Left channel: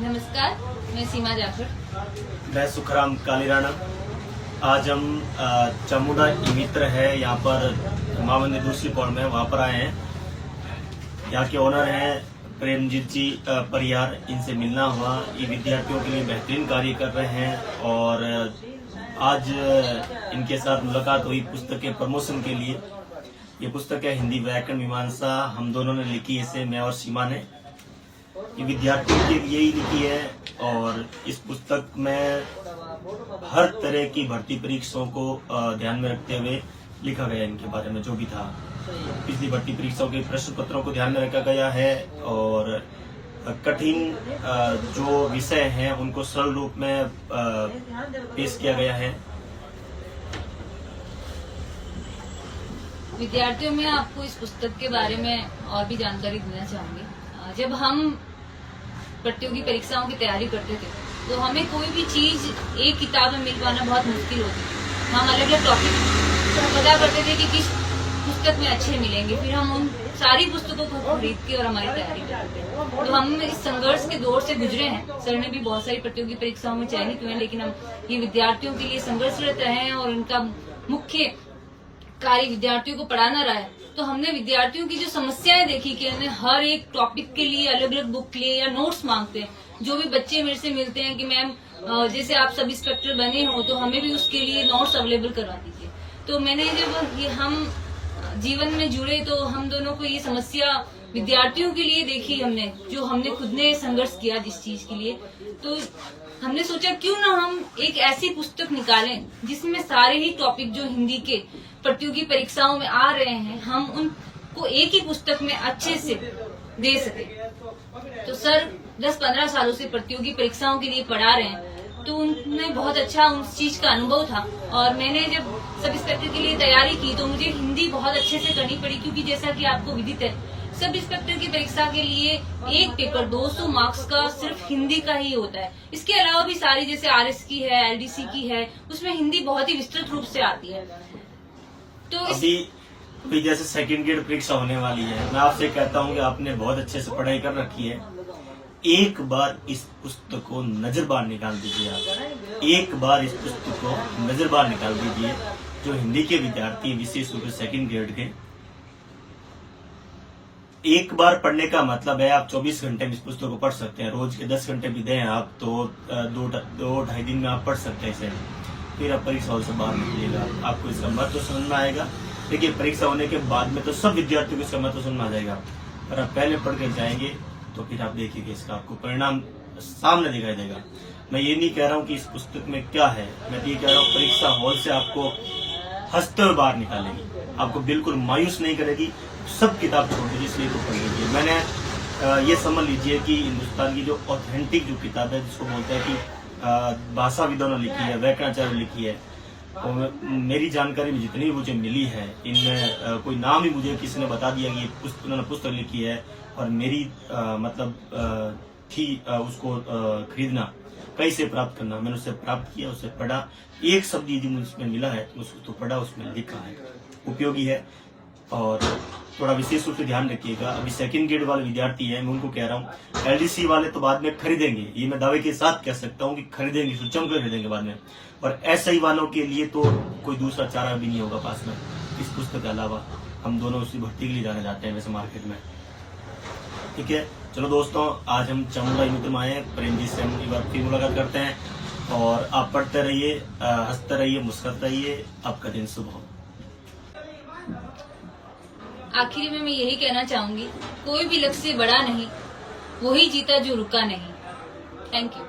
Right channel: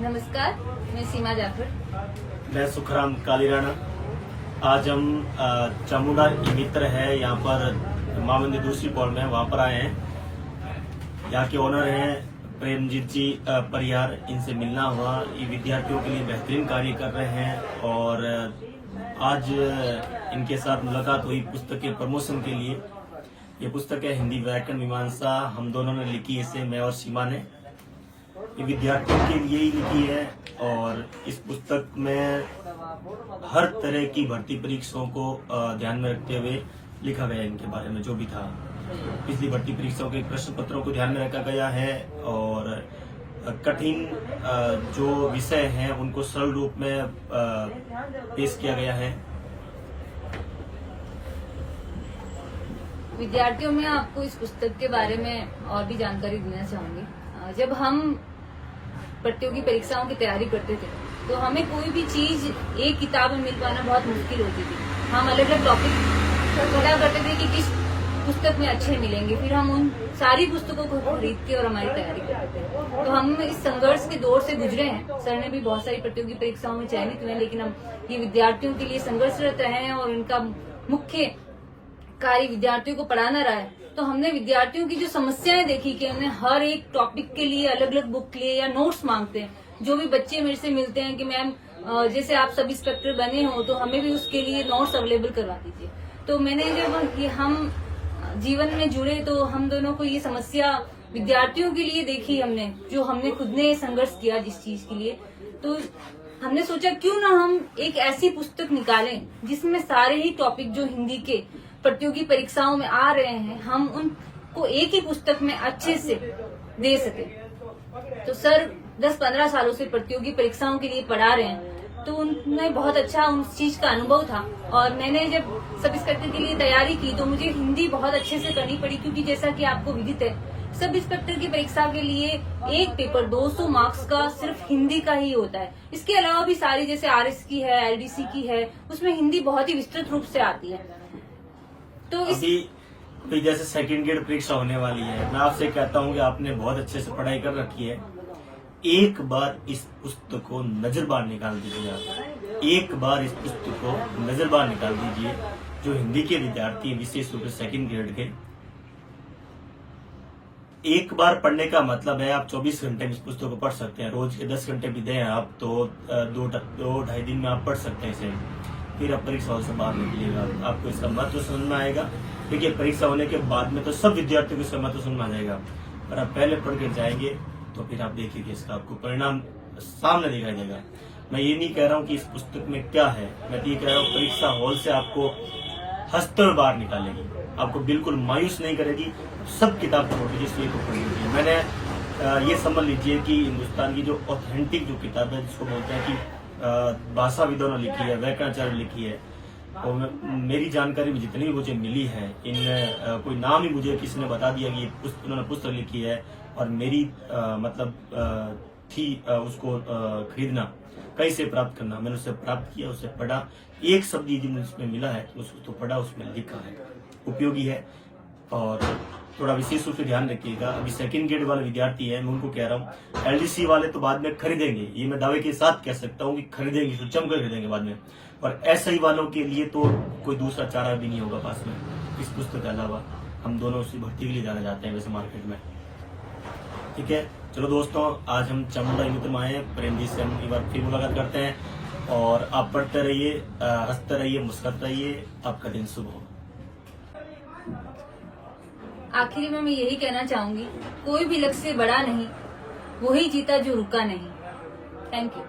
नमस्कार, मैं सीमा जाफर। मैं सुखराम कालीराणा। आज हम चामुंडा मित्र है यहाँ पर माँ मंदिर दूसरी पौड़ में, वहाँ पर आए हैं। यहाँ के ओनर हैं प्रेमजीत जी परियार, इनसे मिलना हुआ। ये विद्यार्थियों के लिए बेहतरीन कार्य कर रहे हैं और आज इनके साथ मुलाकात हुई पुस्तक के प्रमोशन के लिए। ये पुस्तक है हिंदी व्याकरण मीमांसा, हम दोनों ने लिखी है इसे, मैं और सीमा ने। ये विद्यार्थियों के लिए ही लिखी है और इस पुस्तक में हर तरह की भर्ती परीक्षाओं को ध्यान में रखते हुए लिखा गया है। इनके बारे में जो भी था, पिछली भर्ती परीक्षाओं के प्रश्न पत्रों को ध्यान में रखा गया है और कठिन जो विषय हैं उनको सरल रूप में पेश किया गया है। विद्यार्थियों में आपको इस पुस्तक के बारे में और भी जानकारी देना चाहूंगी। जब हम प्रतियोगी परीक्षाओं की तैयारी करते थे तो हमें कोई भी चीज एक किताब में मिल पाना बहुत मुश्किल होती थी। हम अलग अलग टॉपिक पता करते थे कि किस पुस्तक में अच्छे मिलेंगे, फिर हम उन सारी पुस्तकों को खरीद के और हमारी तैयारी करते थे। तो हम इस संघर्ष के दौर से गुजरे हैं। सर ने भी बहुत सारी प्रतियोगी परीक्षाओं में चयनित हुए हैं, लेकिन हम ये विद्यार्थियों के लिए संघर्षरत रहे हैं और इनका मुख्य कार्य विद्यार्थियों को पढ़ाना रहा है। तो हमने विद्यार्थियों की जो समस्याएं देखी कि हमने हर एक टॉपिक के लिए अलग अलग बुक लिए या नोट्स मांगते हैं। जो भी बच्चे मेरे से मिलते हैं कि मैम जैसे आप सब इंस्पेक्टर बने हो तो हमें भी उसके लिए नोट्स अवेलेबल करवा दीजिए। तो मैंने जब हम जीवन में जुड़े तो हम दोनों को ये समस्या विद्यार्थियों के लिए देखी हमने, जो हमने खुद ने संघर्ष किया जिस चीज के लिए। तो हमने सोचा क्यों ना हम एक ऐसी पुस्तक निकालें जिसमें सारे ही टॉपिक जो हिंदी के प्रतियोगी परीक्षाओं में आ रहे हैं हम उनको एक ही पुस्तक में अच्छे से दे सके। तो सर 10-15 सालों से प्रतियोगी परीक्षाओं के लिए पढ़ा रहे हैं, तो उनमें बहुत अच्छा उस चीज का अनुभव था। और मैंने जब सब इंस्पेक्टर के लिए तैयारी की तो मुझे हिंदी बहुत अच्छे से करनी पड़ी, क्योंकि जैसा कि आपको विदित है सब इंस्पेक्टर की परीक्षा के लिए एक पेपर 200 मार्क्स का सिर्फ हिंदी का ही होता है। इसके अलावा भी सारी जैसे RS की है, LDC की है, उसमें हिंदी बहुत ही विस्तृत रूप से आती है। तो अभी जैसे सेकंड ग्रेड परीक्षा होने वाली है, मैं आपसे कहता हूँ कि आपने बहुत अच्छे से पढ़ाई कर रखी है। एक बार इस पुस्तक को नजर बाहर निकाल दीजिए। आप एक बार इस पुस्तक को नजर बाहर निकाल दीजिए। जो हिंदी के विद्यार्थी विशेष रूप से सेकंड ग्रेड के, एक बार पढ़ने का मतलब है आप 24 घंटे में इस पुस्तक को पढ़ सकते हैं। रोज के 10 घंटे भी दें आप तो 2-2.5 दिन में आप पढ़ सकते हैं इसे। फिर आप परीक्षा हॉल से बाहर निकलिएगा, आपको इसका महत्व समझ में आएगा। देखिए परीक्षा होने के बाद में तो सब विद्यार्थियों को इसका महत्व समझ में आ जाएगा, पर आप पहले पढ़ के जाएंगे तो फिर आप देखिएगा इसका आपको परिणाम सामने दिखाई देगा। मैं ये नहीं कह रहा हूँ कि इस पुस्तक में क्या है, मैं ये कह रहा हूँ परीक्षा हॉल से आपको हंसते हुए बाहर निकालेगी, आपको बिल्कुल मायूस नहीं करेगी। सब किताब छोड़ दीजिए, इसलिए तो पढ़ लीजिए। मैंने ये समझ लीजिए कि हिंदुस्तान की जो ऑथेंटिक जो किताब है, जिसको बोलते हैं कि भाषाविदों ने लिखी है, व्याकरणाचार्य ने लिखी है, और मेरी जानकारी में जितनी भी मुझे मिली है, इनमें कोई नाम ही मुझे किसी ने बता दिया कि उन्होंने पुस्तक लिखी है और मेरी थी उसको खरीदना, कहीं से प्राप्त करना। मैंने उससे प्राप्त किया, उससे पढ़ा, एक शब्द यदि मुझे उसमें मिला है उसको तो पढ़ा, उसमें लिखा है, उपयोगी है। और थोड़ा विशेष रूप से ध्यान रखिएगा, अभी सेकंड ग्रेड वाले विद्यार्थी हैं, मैं उनको कह रहा हूँ LDC वाले तो बाद में खरीदेंगे, ये मैं दावे के साथ कह सकता हूँ कि खरीदेंगे, जमकर खरीदेंगे बाद में। और SI वालों के लिए तो कोई दूसरा चारा भी नहीं होगा पास में इस पुस्तक के अलावा। हम दोनों उसी भर्ती के लिए जाने जाते हैं वैसे मार्केट में। ठीक है, चलो दोस्तों, आज हम चामुंडा मित्र में आए, प्रेमजीत से हम एक बार फिर मुलाकात करते हैं। और आप पढ़ते रहिए, हंसते रहिए, मुस्कुराते रहिए, आपका दिन शुभ हो। आखिरी में मैं यही कहना चाहूंगी, कोई भी लक्ष्य बड़ा नहीं, वही जीता जो रुका नहीं। Thank you.